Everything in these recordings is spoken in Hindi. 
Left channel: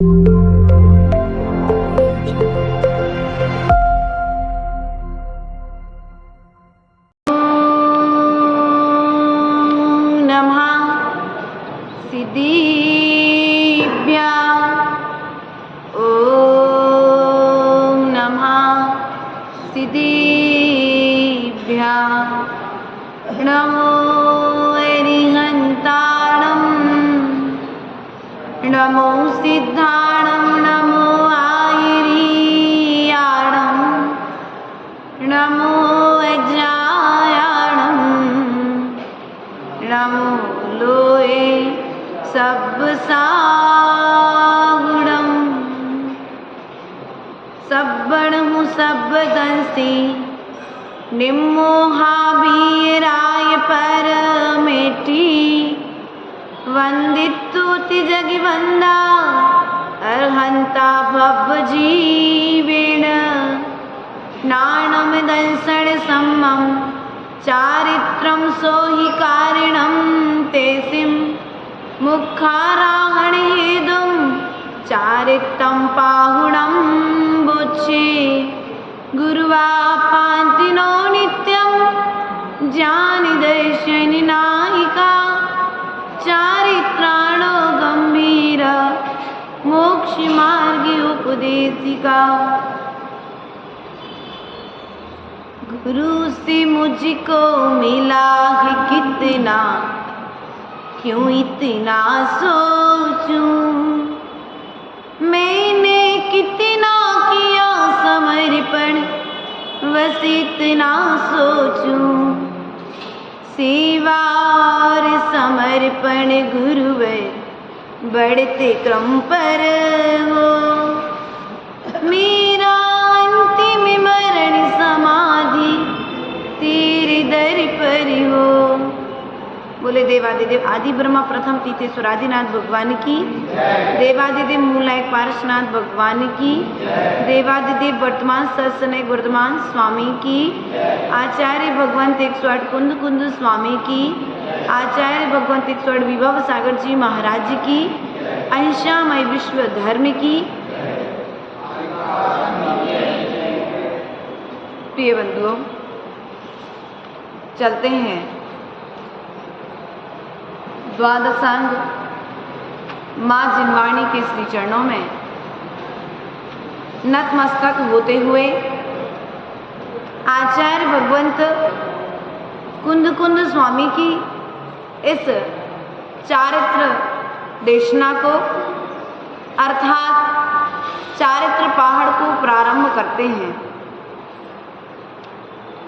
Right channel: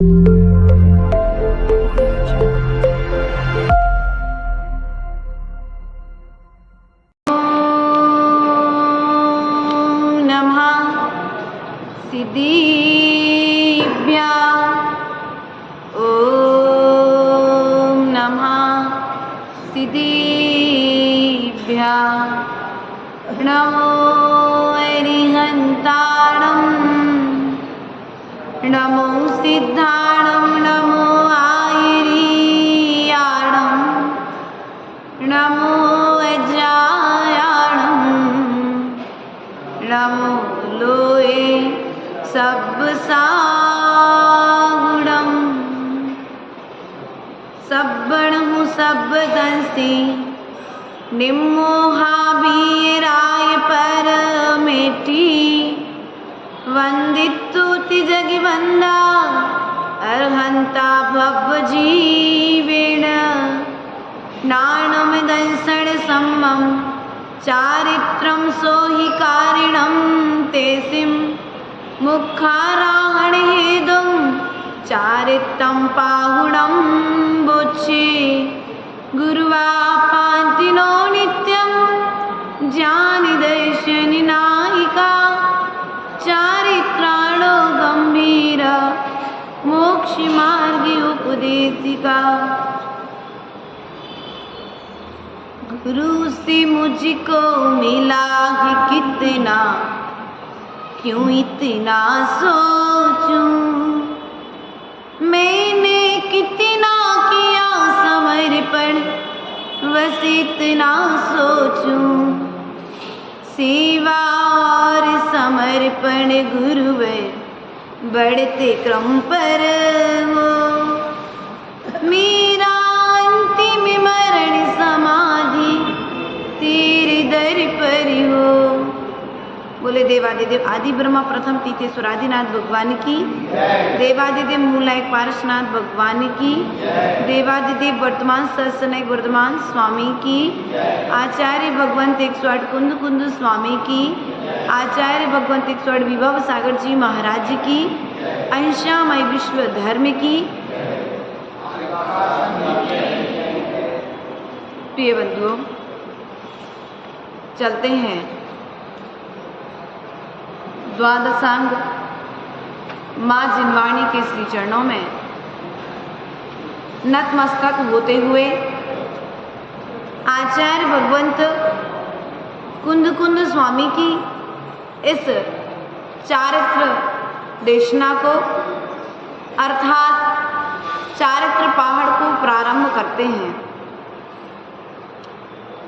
नमो अरिहन्ताणं नमो सिद्धाणं नमो आयिरीयाणं नमो अजायाणं नमो लोये सब्बसागुणं सब्बणहु सब्बदंसि निम्मोहाबीराय परमेटी वंदितुति जगिवंदा अर्हंता भव जीवेण नाणम दंसण सम्मं चारित्रं सोहि कारिणं तेसिं मुखाराहण हेदुं चारित्रं पाहुणं बुच्छे गुरुवापान्तिनो नित्यं ज्ञानि दर्शनि नायिका चारित्राणो गंभीर मोक्ष मार्ग उपदेशिका। गुरु से मुझको मिला है कितना, क्यों इतना सोचूं, मैंने कितना किया समर्पण बस इतना सोचूं, सेवा और समर्पण गुरुवर बढ़ते क्रम पर हो, मेरा अंतिम मरण समाधि तेरे दर पर हो। बोले देवादिदेव आदि ब्रह्मा प्रथम तीर्थेश्वर आदिनाथ भगवान की, देवादिदेव मूलायक पारसनाथ भगवान की, देवादिदेव वर्तमान सत्सनायक वर्तमान स्वामी की, आचार्य भगवंत 108 कुंद कुंद स्वामी की, आचार्य भगवंत 108 विभव सागर जी महाराज की, अहिंसामय विश्व धर्म की। प्रिय बंधुओं, चलते हैं द्वादशांग माँ जिनवाणी के श्री चरणों में नतमस्तक होते हुए आचार्य भगवंत कुंद कुंद स्वामी की इस चारित्र देशना को अर्थात चारित्र पहाड़ को प्रारंभ करते हैं।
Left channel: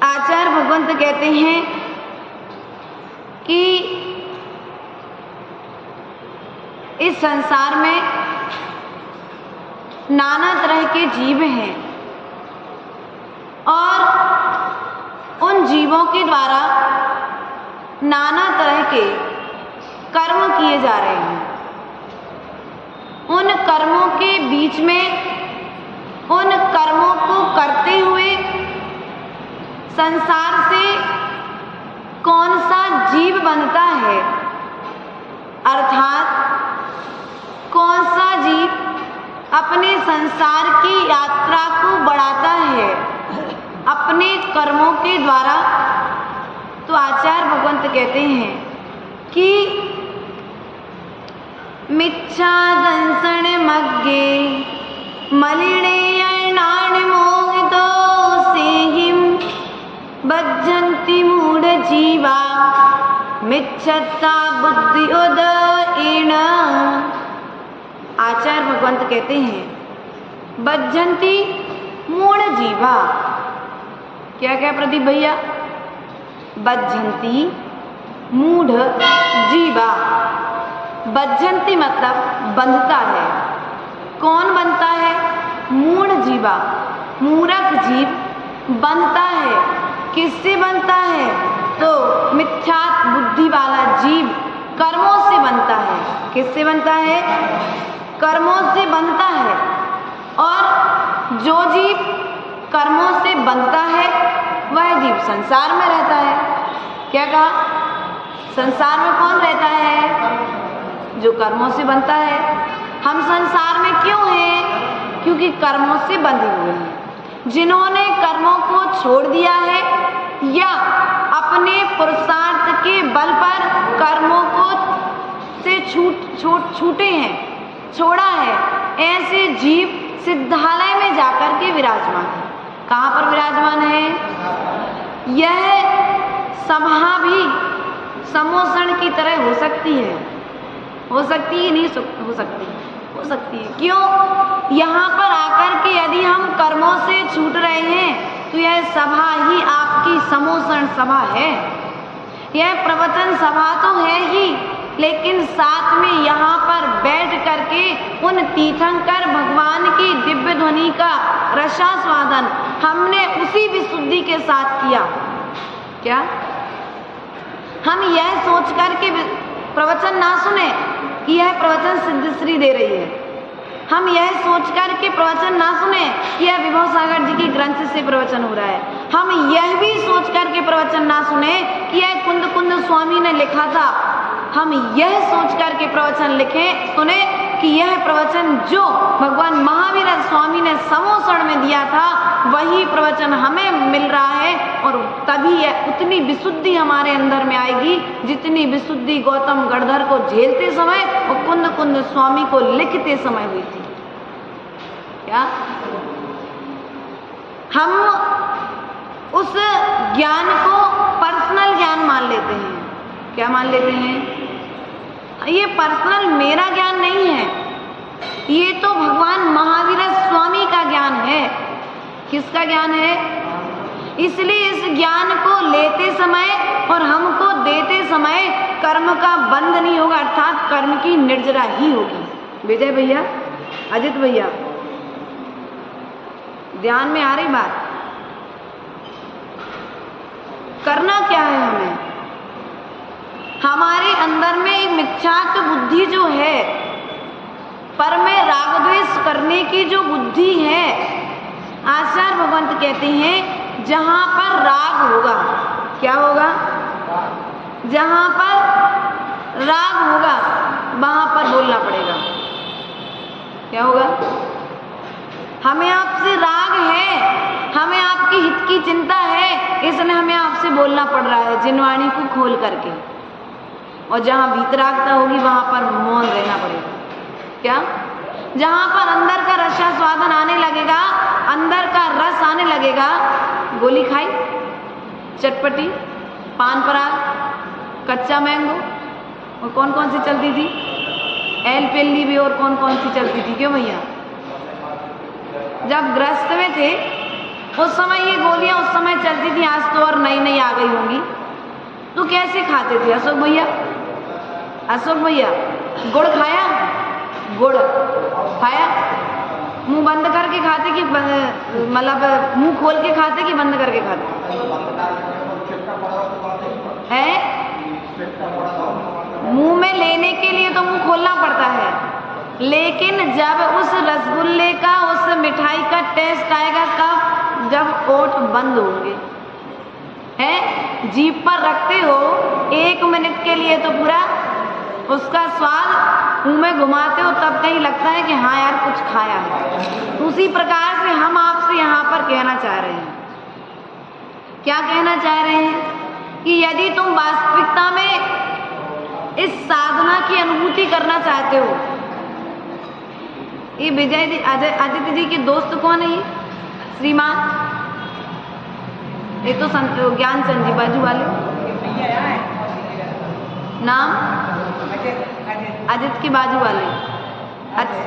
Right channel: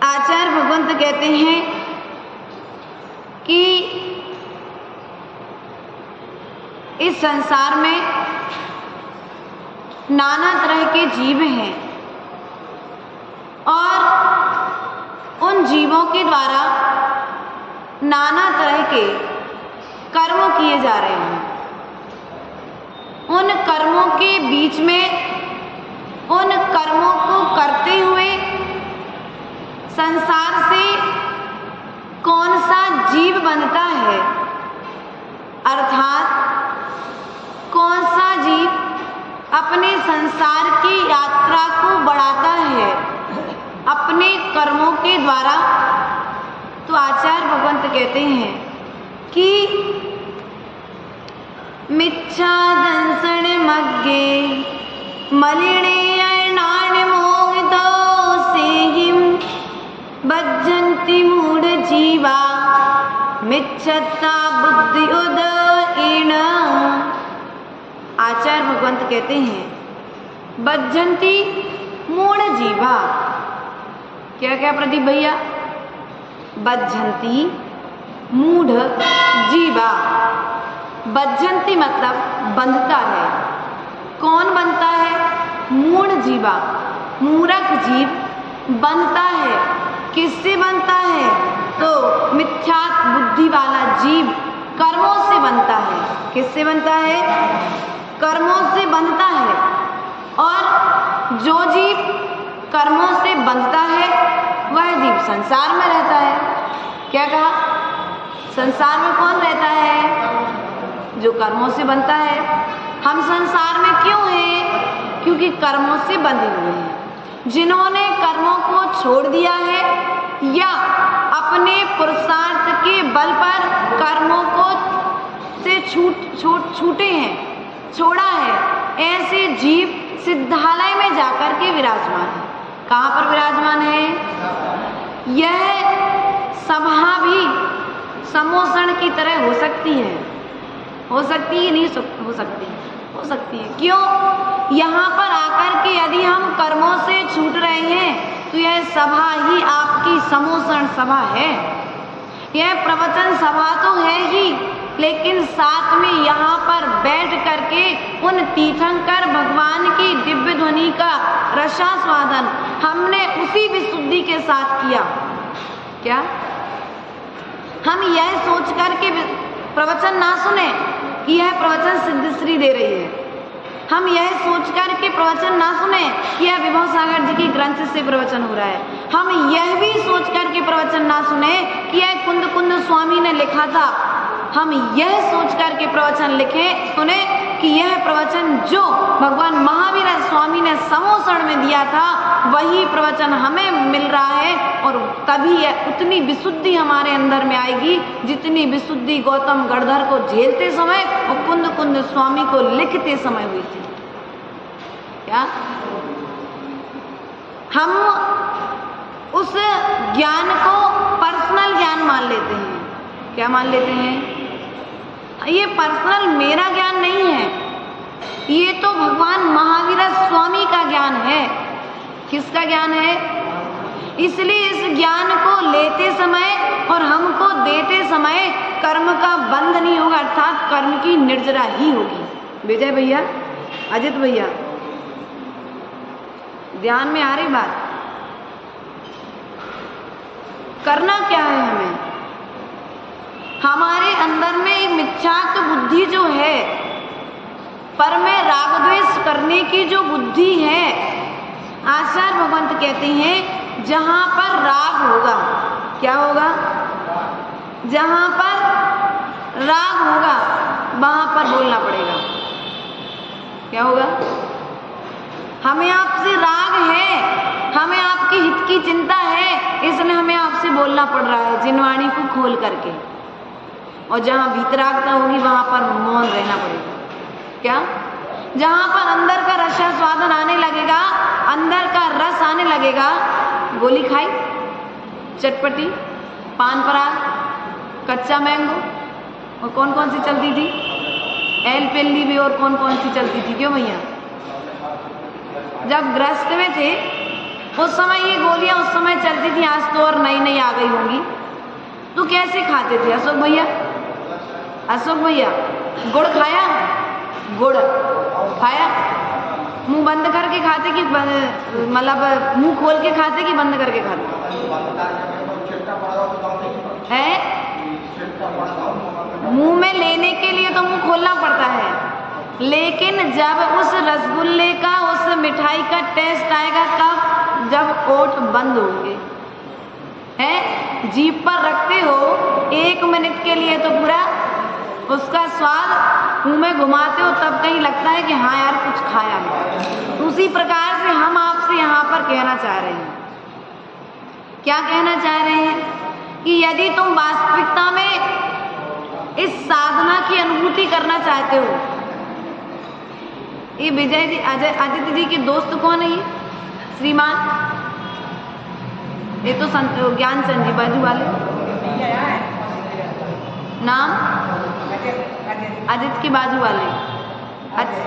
आचार्य भगवंत कहते हैं कि इस संसार में नाना तरह के जीव हैं और उन जीवों के द्वारा नाना तरह के कर्म किए जा रहे हैं। उन कर्मों के बीच में उन कर्मों को करते हुए संसार से कौन सा जीव बनता है, अर्थात कौन सा जीव अपने संसार की यात्रा को बढ़ाता है अपने कर्मों के द्वारा। तो आचार्य भगवंत कहते हैं कि मिच्छा दंसण मग्गे मलिने अर्णान मोहितो सेहिं बज्जन्ति मूढ़ जीवा मिच्छता बुद्धि उदयेन। आचार्य भगवंत कहते हैं बज्जन्ति मूढ़ जीवा। क्या क्या प्रदीप भैया? बज्जन्ति मूढ़ जीवा। बज्जन्ति मतलब बंधता है। कौन बनता है? मूढ़ जीवा, मूर्ख जीव बनता है। किससे बनता है? तो मिथ्या बुद्धि वाला जीव कर्मों से बनता है। किससे बनता है? कर्मों से बनता है। और जो जीव कर्मों से बनता है वह जीव संसार में रहता है। क्या कहा? संसार में कौन रहता है? जो कर्मों से बनता है। हम संसार में क्यों हैं? क्योंकि कर्मों से बंधे हुए हैं। जिन्होंने कर्मों को छोड़ दिया है या अपने पुरुषार्थ के बल पर कर्मों को से छूटे हैं, छोड़ा है, ऐसे जीव सिद्धालय में जाकर के विराजमान है। कहाँ पर विराजमान है? यह सभा भी समोषण की तरह हो सकती है। हो सकती है? नहीं हो सकती? हो सकती है। क्यों? यहाँ पर आकर के यदि हम कर्मों से छूट रहे हैं तो यह सभा ही आपकी समोषण सभा है। यह प्रवचन सभा तो है ही, लेकिन साथ में यहाँ पर बैठ करके उन तीर्थंकर भगवान की दिव्य ध्वनि का रसास्वादन हमने उसी विशुद्धि के साथ किया। क्या हम यह सोच करके प्रवचन ना सुने कि यह प्रवचन सिद्धश्री दे रही है? हम यह सोच कर के प्रवचन ना सुने कि यह विभव सागर जी की ग्रंथ से प्रवचन हो रहा है? हम यह भी सोच कर के प्रवचन ना सुने कि यह कुंद कुंद स्वामी ने लिखा था? हम यह सोच कर के प्रवचन सुने कि यह प्रवचन जो भगवान महावीर स्वामी ने समोषण में दिया था वही प्रवचन हमें मिल रहा है, और तभी उतनी विशुद्धि हमारे अंदर में आएगी जितनी विशुद्धि गौतम गणधर को झेलते समय और कुंद कुंद स्वामी को लिखते समय हुई थी। क्या हम उस ज्ञान को पर्सनल ज्ञान मान लेते हैं? क्या मान लेते हैं? ये पर्सनल मेरा ज्ञान नहीं है, ये तो भगवान महावीर स्वामी का ज्ञान है। किसका ज्ञान है? इसलिए इस ज्ञान को लेते समय और हमको देते समय कर्म का बंध नहीं होगा, अर्थात कर्म की निर्जरा ही होगी। विजय भैया, अजित भैया, ध्यान में आ रही बात? करना क्या है हमें? हमारे अंदर में एक मिथ्यात्व बुद्धि जो है, पर में राग द्वेष करने की जो बुद्धि है, आचार्य भगवंत कहते हैं जहां पर राग होगा, क्या होगा? जहां पर राग होगा वहां पर बोलना पड़ेगा। क्या होगा? हमें आपसे राग है, हमें आपके हित की चिंता है, इसलिए हमें आपसे बोलना पड़ रहा है जिनवाणी को खोल करके। और जहां भीतरागता होगी वहां पर मौन रहना पड़ेगा। क्या? जहां पर अंदर का रसास्वादन आने लगेगा, अंदर का रस आने लगेगा, गोली खाई, चटपटी, पान पराग, कच्चा मैंगो, और कौन कौन सी चलती थी? एल पेल्ली भी, और कौन कौन सी चलती थी? क्यों भैया? जब ग्रस्त में थे उस समय ये गोलियां उस समय चलती थी, आज तो और नई नई आ गई होंगी। तो कैसे खाते थे अशोक भैया? अशोक भैया, गुड़ खाया? गुड़ खाया? मुंह बंद करके खाते कि मतलब मुंह खोल के खाते कि बंद करके खाते हैं? मुंह में लेने के लिए तो मुंह खोलना पड़ता है, लेकिन जब उस रसगुल्ले का, उस मिठाई का टेस्ट आएगा कब? जब ओठ बंद होंगे, हैं? जीभ पर रखते हो 1 मिनट के लिए तो पूरा उसका स्वाद मुंह में घुमाते हो, तब कहीं लगता है कि हाँ यार कुछ खाया है। उसी प्रकार से हम आपसे यहाँ पर कहना चाह रहे हैं। क्या कहना चाह रहे हैं? कि यदि तुम वास्तविकता में इस साधना की अनुभूति करना चाहते हो, ये विजय जी, आदित्य जी के दोस्त कौन है? ये श्रीमान, ये तो ज्ञान चंद जी बाजू वाले, नाम अजित के बाजू वाले। अच्छा,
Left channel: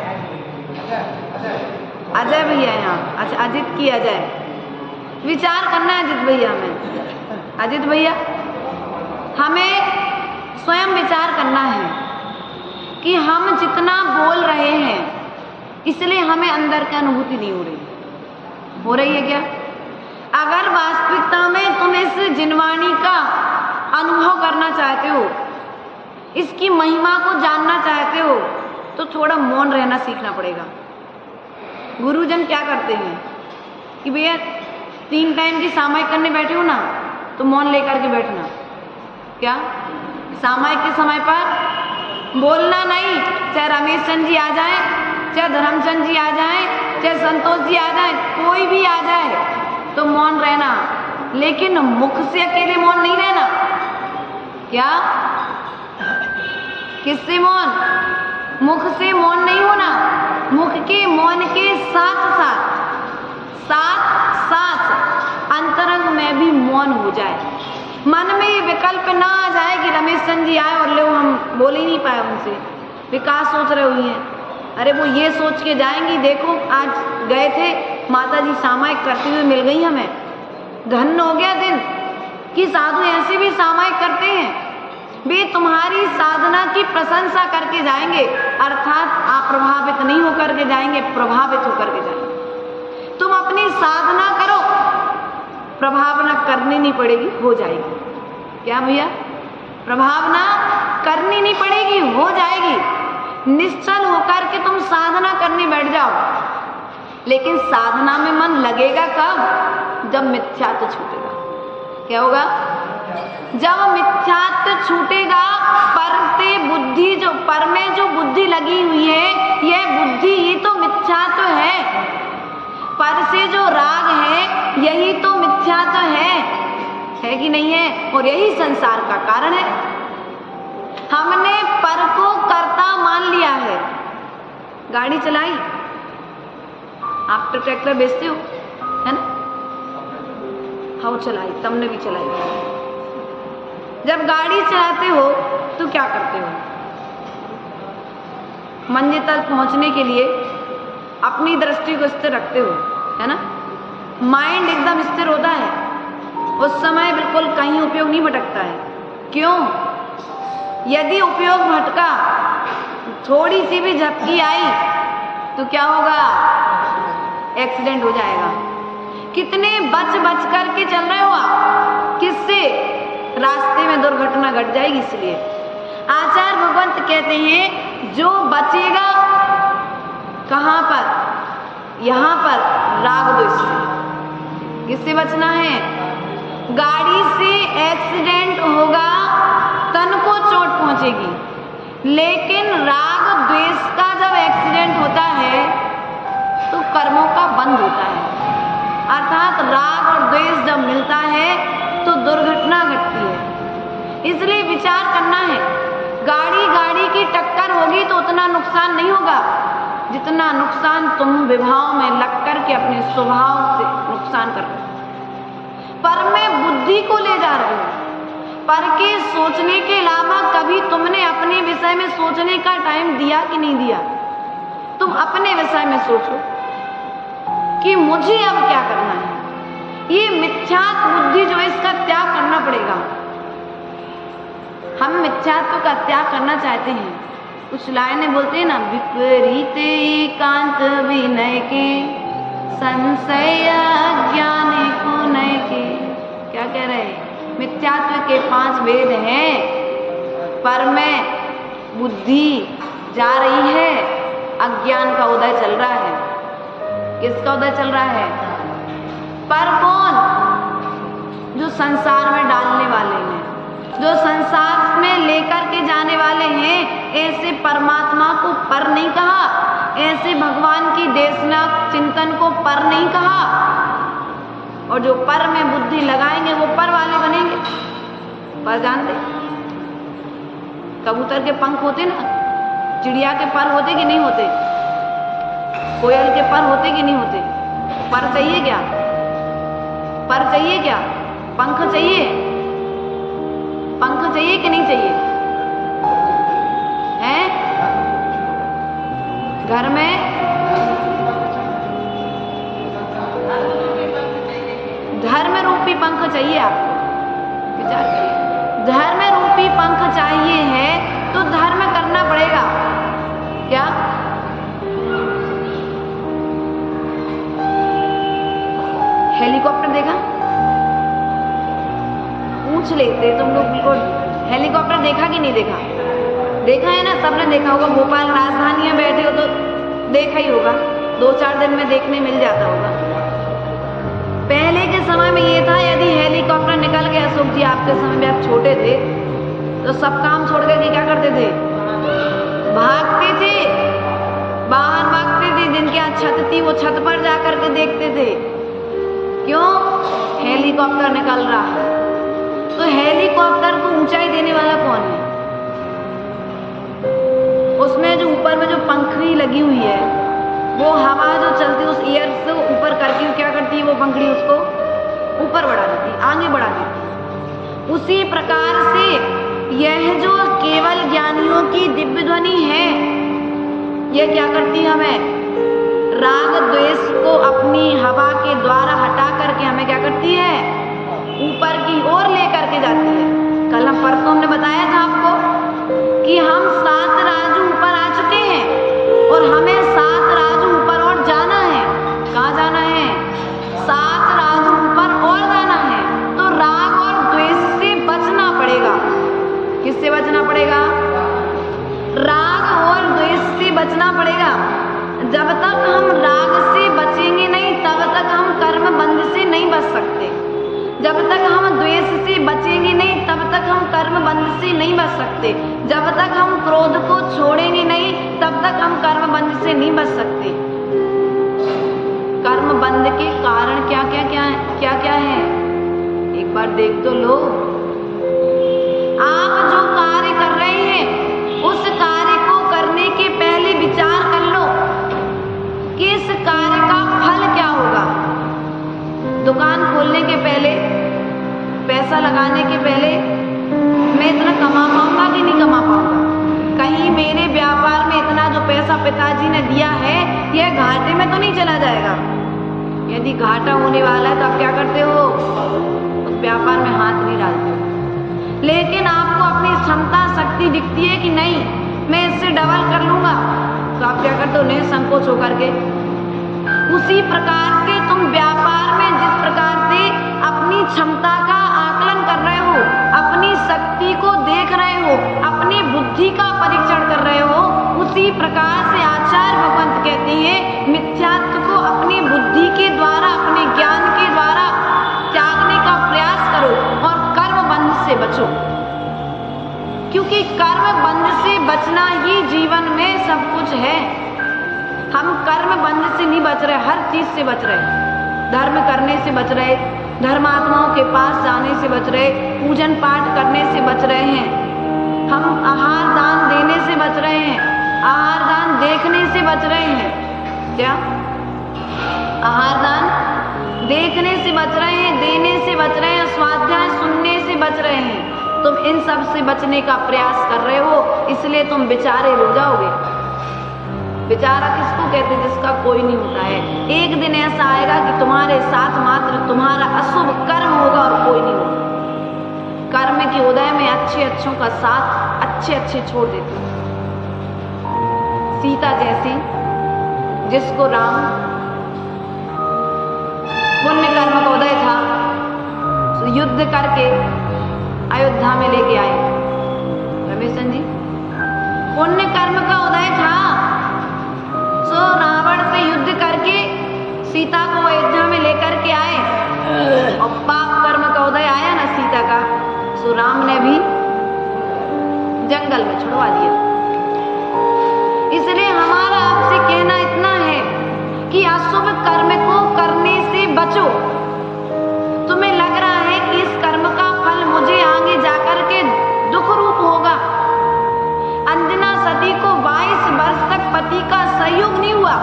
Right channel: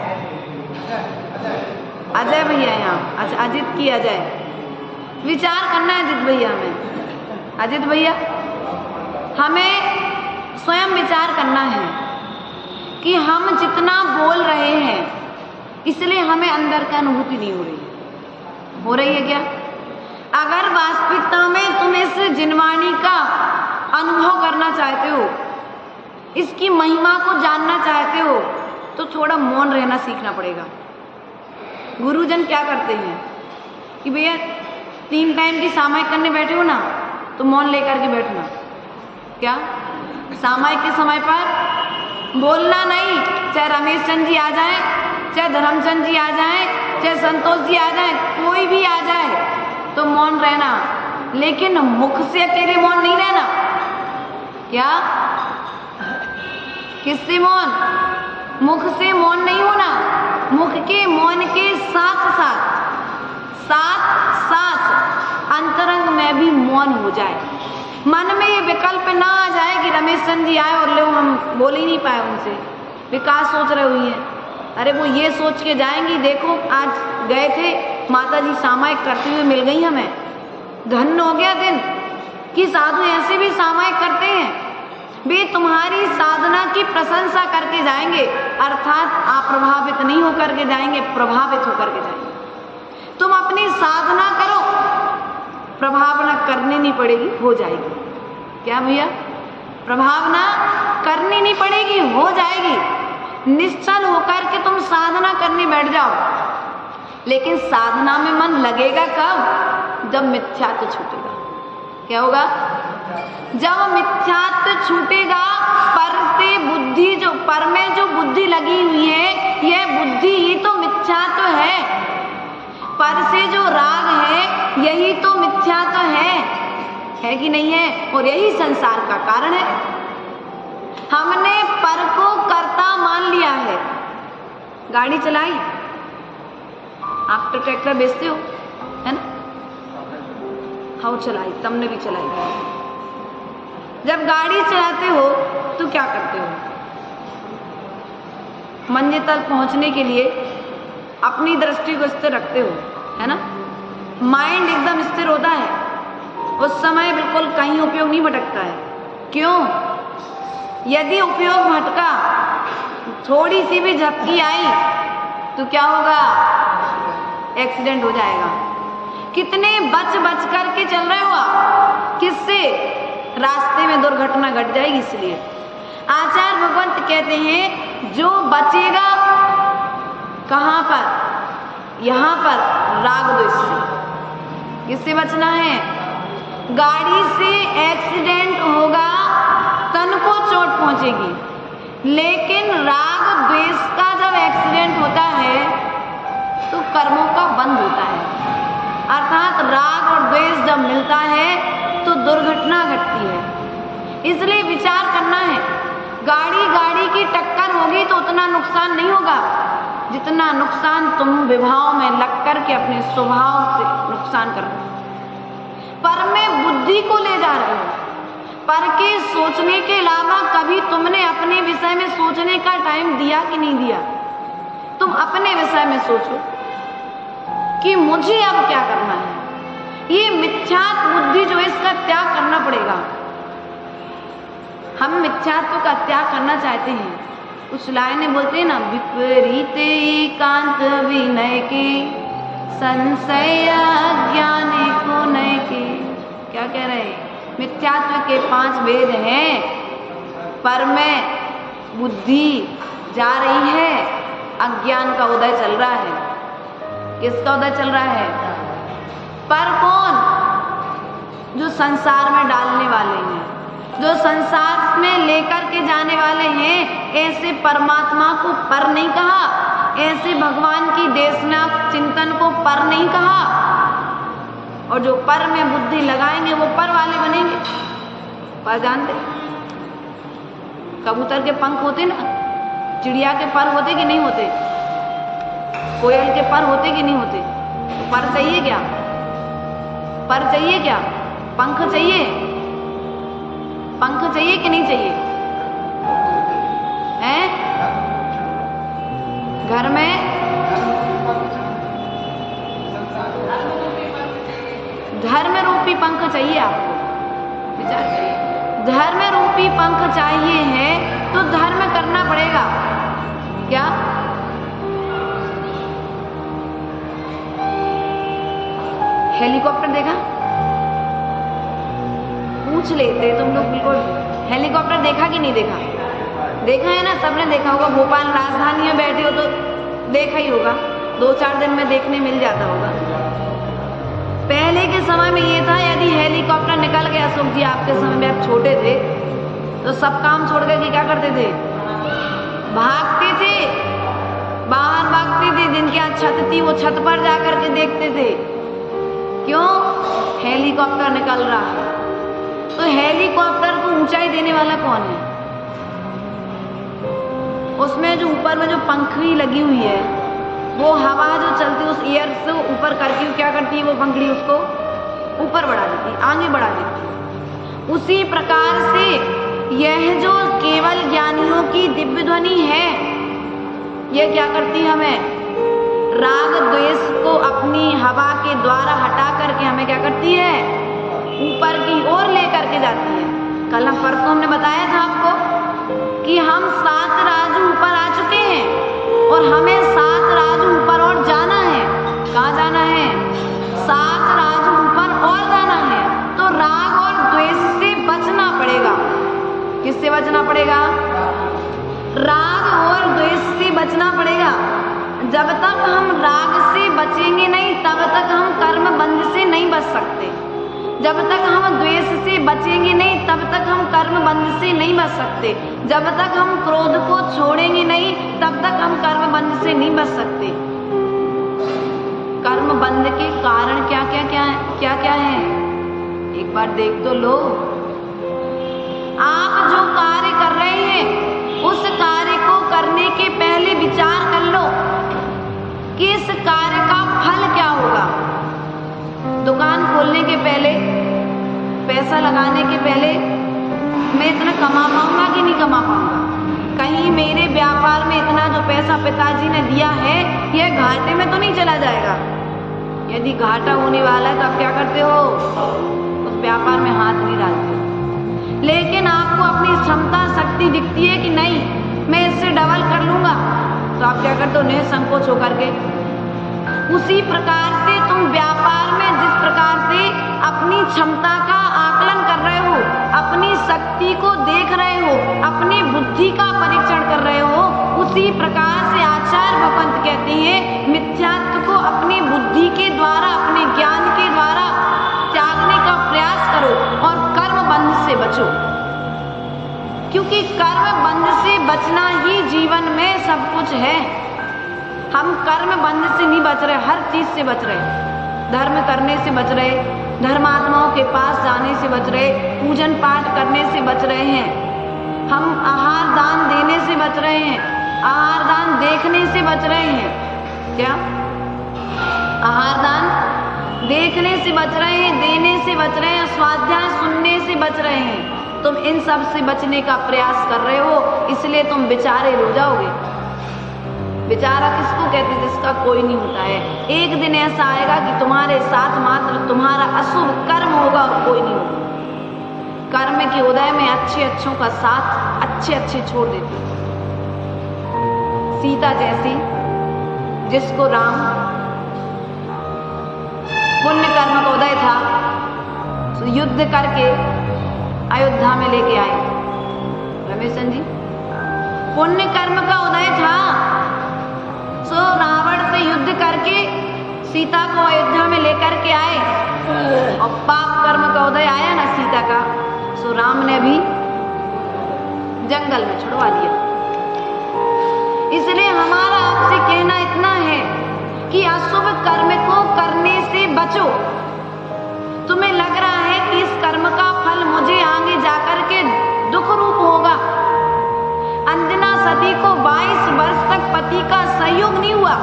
अजय भैया यहाँ। अच्छा, अजित की अजय। विचार करना है अजित भैया में। अजित भैया, हमें स्वयं विचार करना है कि हम जितना बोल रहे हैं इसलिए हमें अंदर की अनुभूति नहीं हो रही। हो रही है क्या? अगर वास्तविकता में तुम इस जिनवाणी का अनुभव करना चाहते हो, इसकी महिमा को जानना चाहते हो, तो थोड़ा मौन रहना सीखना पड़ेगा। गुरुजन क्या करते हैं कि भैया 3 टाइम की सामायिक करने बैठे हो ना, तो मौन लेकर के बैठना। क्या? सामायिक के समय पर बोलना नहीं, चाहे रमेश चंद जी आ जाएं, चाहे धर्मचंद जी आ जाएं, चाहे संतोष जी आ जाएं, कोई भी आ जाए तो मौन रहना, लेकिन मुख से अकेले मौन नहीं रहना। क्या? किससे मौन? मुख से मौन नहीं होना, मुख के मौन के साथ साथ अंतरंग में भी मौन हो जाए। मन में ये विकल्प ना आ जाए कि रमेश चंद जी आए और लो हम बोल ही नहीं पाए उनसे, विकास सोच रहे हुई है। अरे वो ये सोच के जाएंगी, देखो आज गए थे माता जी सामायिक करते हुए मिल गई हमें, धन्य हो गया दिन कि साधु ऐसे भी सामायिक करते हैं। वे तुम्हारी साधना की प्रशंसा करके जाएंगे, अर्थात आप प्रभावित नहीं होकर के जाएंगे, प्रभावित होकर के जाएंगे। तुम अपनी साधना करो, प्रभावना करनी नहीं पड़ेगी, हो जाएगी। क्या भैया? प्रभावना करनी नहीं पड़ेगी, हो जाएगी। निश्चल होकर के तुम साधना करने बैठ जाओ, लेकिन साधना में मन लगेगा कब? जब मिथ्यात्व छूटेगा। क्या होगा? जब मिथ्यात्व छूटेगा, पर से बुद्धि, जो पर में जो बुद्धि लगी हुई है, यह बुद्धि ही तो मिथ्यात्व है। पर से जो राग है यही तो मिथ्यात्व है कि नहीं है? और यही संसार का कारण है। हमने पर को कर्ता मान लिया है। गाड़ी चलाई, आप तो ट्रैक्टर बेचते हो, है ना? हाँ चलाई, तुमने भी चलाई। जब गाड़ी चलाते हो तो क्या करते हो? मंजिल तक पहुंचने के लिए अपनी दृष्टि को स्थिर रखते हो, है ना? माइंड एकदम स्थिर होता है, उस समय बिल्कुल कहीं उपयोग नहीं भटकता है। क्यों? यदि उपयोग भटका, थोड़ी सी भी झपकी आई तो क्या होगा? एक्सीडेंट हो जाएगा। कितने बच करके चल रहे हो आप? किससे? रास्ते में दुर्घटना घट जाएगी। इसलिए आचार्य भगवंत कहते हैं जो बचेगा कहां पर? यहां पर राग द्वेष से। किससे बचना है? गाड़ी से एक्सीडेंट होगा, तन को चोट पहुंचेगी, लेकिन राग द्वेष का जब एक्सीडेंट होता है तो कर्मों का बंध होता है। अर्थात राग और द्वेष जब मिलता है तो दुर्घटना घटती है। इसलिए विचार करना है, गाड़ी की टक्कर होगी तो उतना नुकसान नहीं होगा जितना नुकसान तुम विभाव में लग कर के अपने स्वभाव से नुकसान कर रहे हो। पर में बुद्धि को ले जा रहे हो। पर के सोचने के अलावा कभी तुमने अपने विषय में सोचने का टाइम दिया कि नहीं दिया? तुम अपने विषय में सोचो कि मुझे अब क्या करना है। ये मिथ्यात्व बुद्धि जो है, इसका त्याग करना पड़ेगा। हम मिथ्यात्व का त्याग करना चाहते हैं। कुछ लाइनें बोलते हैं ना, विपरीत एकांत विनय के, संशय ज्ञान को नय के। क्या कह रहे हैं? मिथ्यात्व के 5 भेद हैं। पर में बुद्धि जा रही है, अज्ञान का उदय चल रहा है। किसका उदय चल रहा है? पर कौन? जो संसार में डालने वाले हैं, जो संसार में लेकर के जाने वाले हैं। ऐसे परमात्मा को पर नहीं कहा, ऐसे भगवान की देशना चिंतन को पर नहीं कहा। और जो पर में बुद्धि लगाएंगे वो पर वाले बनेंगे। पर जानते, कबूतर के पंख होते ना, चिड़िया के पर होते कि नहीं होते? कोयल के पर होते कि नहीं होते? तो पर चाहिए क्या? पर चाहिए क्या? पंख चाहिए? पंख चाहिए कि नहीं चाहिए? हैं? घर में धर्म रूपी पंख चाहिए आपको। विचार करिए, धर्म रूपी पंख चाहिए है तो धर्म करना पड़ेगा। क्या? हेलीकॉप्टर देखा? पूछ लेते तुम लोग बिल्कुल। हेलीकॉप्टर देखा कि नहीं देखा? देखा है ना, सबने देखा होगा। भोपाल राजधानी में बैठे हो तो देखा ही होगा, 2-4 दिन में देखने मिल जाता होगा। पहले के समय में ये था, यदि हेलीकॉप्टर निकल गया, अशोक जी आपके समय में आप छोटे थे, तो सब काम छोड़ करके क्या करते थे? भागते थे, बाहर भागते थे। जिनके यहाँ छत थी वो छत पर जाकर के देखते थे, क्यों? हेलीकॉप्टर निकल रहा है। तो हेलीकॉप्टर को ऊंचाई देने वाला कौन है? उसमें जो ऊपर में जो पंखड़ी लगी हुई है, वो हवा जो चलती है उस एयर से ऊपर करके क्या करती है? वो पंखड़ी उसको ऊपर बढ़ा देती, आगे बढ़ा देती। उसी प्रकार से यह जो केवल ज्ञानियों की दिव्य ध्वनि है, यह क्या करती है? हमें राग द्वेष को अपनी हवा के द्वारा हटा करके हमें क्या करती है? ऊपर की ओर लेकर के जाती है। कल हम परसों हमने बताया था आपको कि हम 7 राजू ऊपर आ चुके हैं और हमें 7 राजू ऊपर और जाना है। कहाँ जाना है? 7 राजू ऊपर और जाना है। तो राग और द्वेष से बचना पड़ेगा। किससे बचना पड़ेगा? राग और द्वेष से बचना पड़ेगा। जब तक हम राग से बचेंगे नहीं, तब तक हम कर्म बंध से नहीं बच सकते। जब तक हम द्वेष से बचेंगे नहीं, तब तक हम कर्म बंध से नहीं बच सकते। जब तक हम क्रोध को छोड़ेंगे नहीं, तब तक हम कर्म बंध से नहीं बच सकते। कर्म बंध के कारण क्या क्या है? एक बार देख तो लो। आप जो कार्य कर रहे हैं, उस कार्य को करने के पहले विचार कर लो कि इस कार्य का फल क्या होगा। दुकान खोलने के पहले, पैसा लगाने के पहले, मैं इतना कमा पाऊंगा कि नहीं कमा पाऊंगा? कहीं मेरे व्यापार में इतना जो पैसा पिताजी ने दिया है, यह घाटे में तो नहीं चला जाएगा? यदि घाटा होने वाला है तो आप क्या करते हो? उस व्यापार में हाथ नहीं डालते हो। लेकिन आपको अपनी क्षमता शक्ति दिखती है कि नहीं, मैं इससे डबल कर लूंगा, तो आप क्या करते हो? निसंकोच होकर के। उसी प्रकार से तुम व्यापार में जिस प्रकार से अपनी क्षमता का आकलन कर रहे हो, अपनी शक्ति को देख रहे हो, अपनी बुद्धि का परीक्षण कर रहे हो, उसी प्रकार से आचार्य भगवंत कहते हैं मिथ्यात्व को अपनी बुद्धि के द्वारा, अपने ज्ञान के द्वारा त्यागने का प्रयास करो और कर्म बंध से बचो। क्योंकि कर्म बंध से बचना ही जीवन में सब कुछ है। हम कर्म बंध से नहीं बच रहे, हर चीज से बच रहे। धर्म करने से बच रहे, धर्मात्माओं के पास जाने से बच रहे, पूजन पाठ करने से बच रहे हैं। हम आहार दान देने से बच रहे हैं, आहार दान देखने से बच रहे हैं। क्या? आहार दान देखने से बच रहे हैं, देने से बच रहे हैं, स्वाध्याय सुनने से बच रहे हैं। तुम इन सब से बचने का प्रयास कर रहे हो, इसलिए तुम बेचारे हो जाओगे। बेचारा किसको कहते? जिसका कोई नहीं होता है। एक दिन ऐसा आएगा कि तुम्हारे साथ मात्र तुम्हारा अशुभ कर्म होगा और कोई नहीं होगा। कर्म के उदय में अच्छे अच्छों का साथ अच्छे अच्छे छोड़ देते। सीता जैसी, जिसको राम पुण्य कर्म का उदय था, तो युद्ध करके अयोध्या में लेके आए। रमेशन जी, पुण्य कर्म का उदय था, सो रावण से युद्ध करके सीता को अयोध्या में लेकर के आए, और पाप कर्म का उदय आया ना सीता का, सो राम ने भी जंगल में छुड़वा दिया। इसलिए हमारा आपसे कहना इतना है कि अशुभ कर्म को करने से बचो। तुम्हें लग रहा है कि इस कर्म का फल मुझे आगे जाकर के दुख रूप होगा। अंजना सती को 22 वर्ष तक पति का सहयोग नहीं हुआ।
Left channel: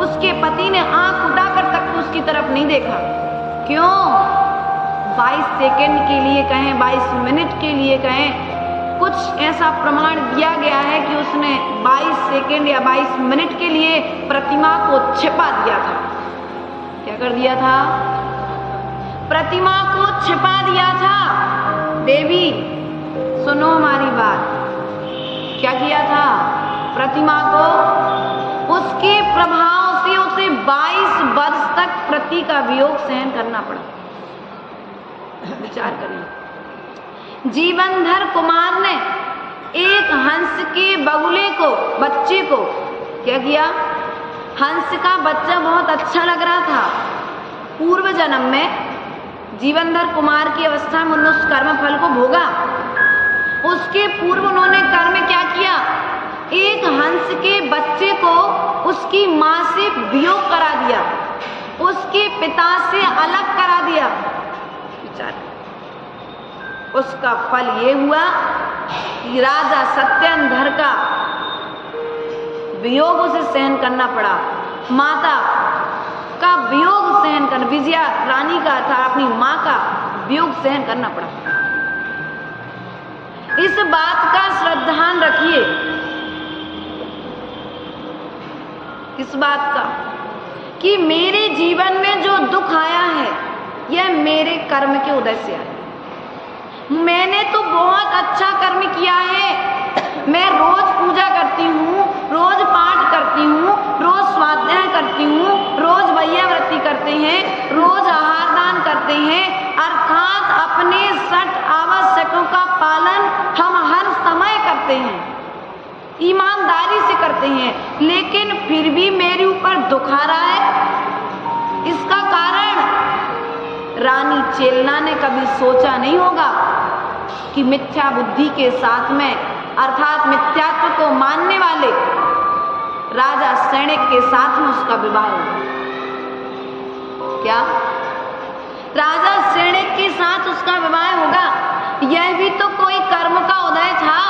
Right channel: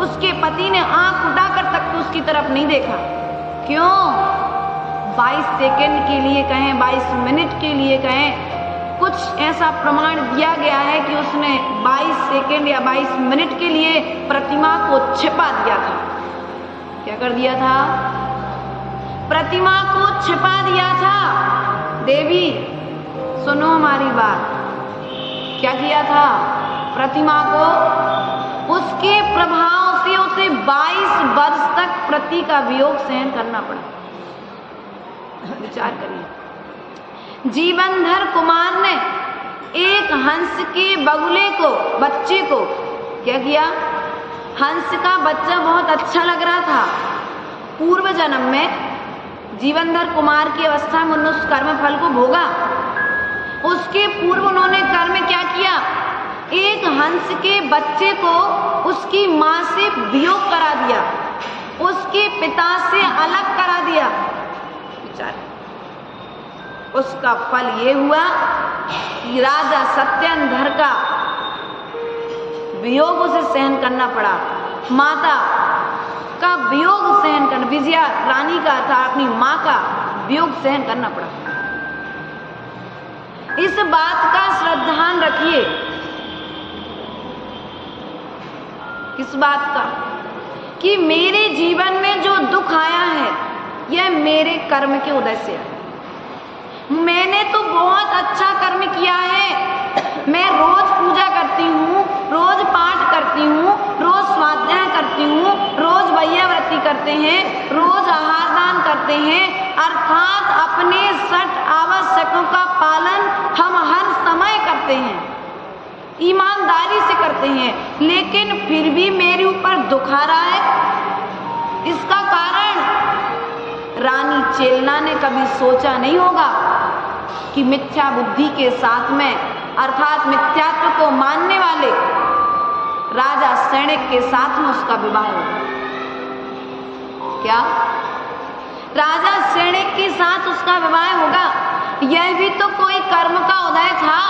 उसके पति ने आंख उठाकर तक तो उसकी तरफ नहीं देखा। क्यों? 22 सेकंड के लिए कहें, 22 मिनट के लिए कहें, कुछ ऐसा प्रमाण दिया गया है कि उसने 22 सेकंड या 22 मिनट के लिए प्रतिमा को छिपा दिया था। क्या कर दिया था? प्रतिमा को छिपा दिया था। देवी सुनो हमारी बात, क्या किया था? प्रतिमा को उसके प्रभाव से उसे 22 वर्ष तक पति का वियोग सहन करना पड़ा। विचार करिए। जीवनधर कुमार ने एक हंस के बगुले को, बच्चे को क्या किया? हंस का बच्चा बहुत अच्छा लग रहा था। पूर्व जन्म में जीवनधर कुमार की अवस्था में उन्होंने उस कर्म फल को भोगा। उसके पूर्व उन्होंने कर्म क्या किया? एक हंस के बच्चे को उसकी माँ से वियोग करा दिया, उसके पिता से अलग करा दिया। विचार, उसका फल ये हुआ कि राजा सत्येंद्र का वियोग उसे सहन करना पड़ा, माता का वियोग सहन करना, विजया रानी का था अपनी माँ का वियोग सहन करना पड़ा। इस बात का श्रद्धान रखिए। किस बात का? कि मेरे जीवन में जो दुख आया है यह मेरे कर्म के उदय से आया। मैंने तो बहुत अच्छा कर्म किया है, मैं रोज पूजा करती हूँ, रोज पाठ करती हूँ, रोज स्वाध्याय करती हूँ, रोज वैयाव्रती करते हैं, रोज आहार दान करते हैं, अर्थात अपने 60 आवश्यकों का पालन हम हर समय करते हैं, ईमानदारी से करते हैं, लेकिन फिर भी मेरे ऊपर दुख आ रहा है। इसका कारण रानी चेलना ने कभी सोचा नहीं होगा कि मिथ्या बुद्धि के साथ में, अर्थात मिथ्यात्व को मानने वाले राजा सैनिक के साथ में उसका विवाह होगा। क्या? राजा सैनिक के साथ उसका विवाह होगा? यह भी तो कोई कर्म का उदय था।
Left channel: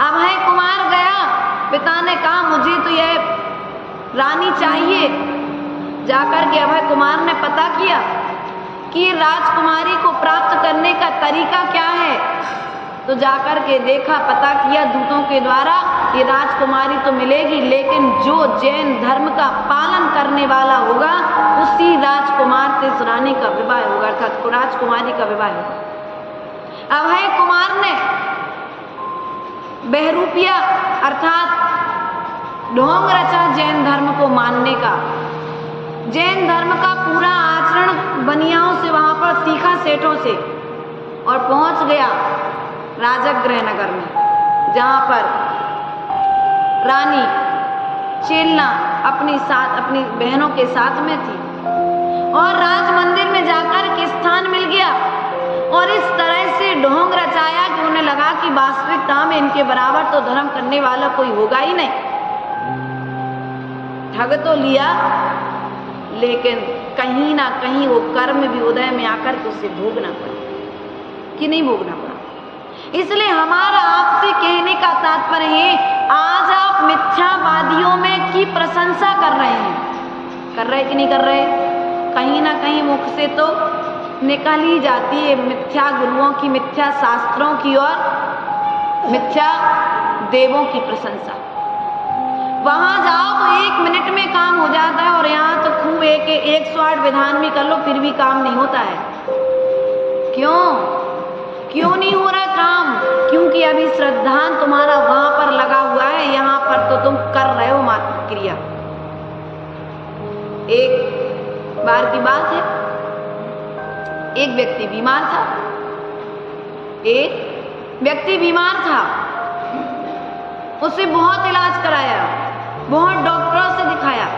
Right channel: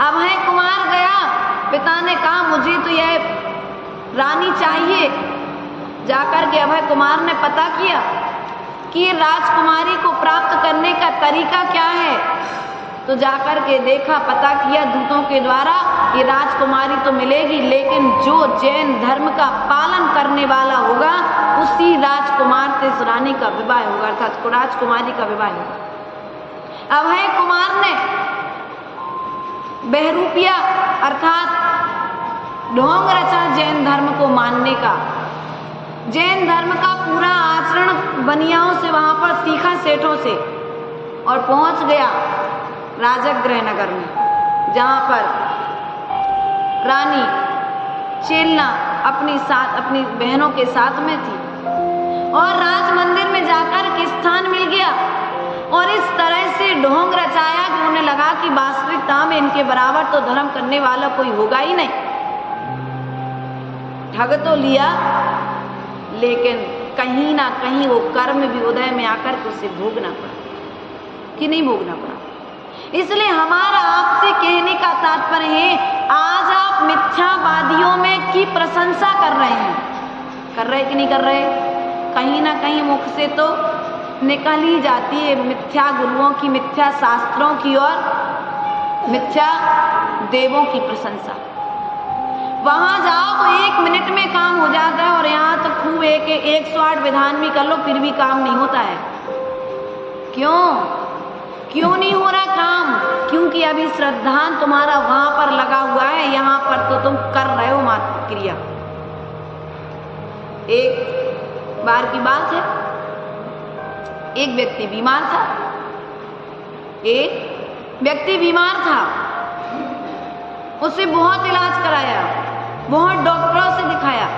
अभय कुमार गया, पिता ने कहा मुझे तो यह रानी चाहिए। जाकर के अभय कुमार ने पता किया कि राजकुमारी को प्राप्त करने का तरीका क्या है, तो जाकर के देखा, पता किया दूतों के द्वारा, ये राजकुमारी तो मिलेगी, लेकिन जो जैन धर्म का पालन करने वाला होगा उसी राजकुमार से इस रानी का विवाह होगा, अर्थात राजकुमारी का विवाह होगा। अभय कुमार ने बहरूपिया अर्थात ढोंग रचा जैन धर्म को मानने का। जैन धर्म का पूरा आचरण बनियाओं से वहां पर सीखा, सेठों से, और पहुंच गया राजगृह नगर में, जहां पर रानी चेलना अपनी बहनों के साथ में थी, और राज मंदिर में जाकर के स्थान मिल गया, और इस तरह से ढोंग रचाया कि उन्हें लगा कि वास्तविकता में इनके बराबर तो धर्म करने वाला कोई होगा ही नहीं। ठग तो लिया, लेकिन कहीं ना कहीं वो कर्म भी उदय में आकर के उसे भोगना पड़ा कि नहीं भोगना पड़ा। इसलिए हमारा आपसे कहने का तात्पर्य है, आज आप मिथ्यावादियों में की प्रशंसा कर रहे हैं, कर रहे कि नहीं कर रहे? कहीं ना कहीं मुख से तो निकल ही जाती है मिथ्या गुरुओं की, मिथ्या शास्त्रों की और मिथ्या देवों की प्रशंसा। वहां जाओ तो 1 मिनट में काम हो जाता है, और यहाँ तो खूब 108 विधान भी कर लो फिर भी काम नहीं होता है। क्यों नहीं हो रहा काम? क्योंकि अभी श्रद्धान तुम्हारा वहां पर लगा हुआ है, यहाँ पर तो तुम कर रहे हो मात्र क्रिया। एक बार की बात है, एक व्यक्ति बीमार था, उसे बहुत इलाज कराया, बहुत डॉक्टरों से दिखाया,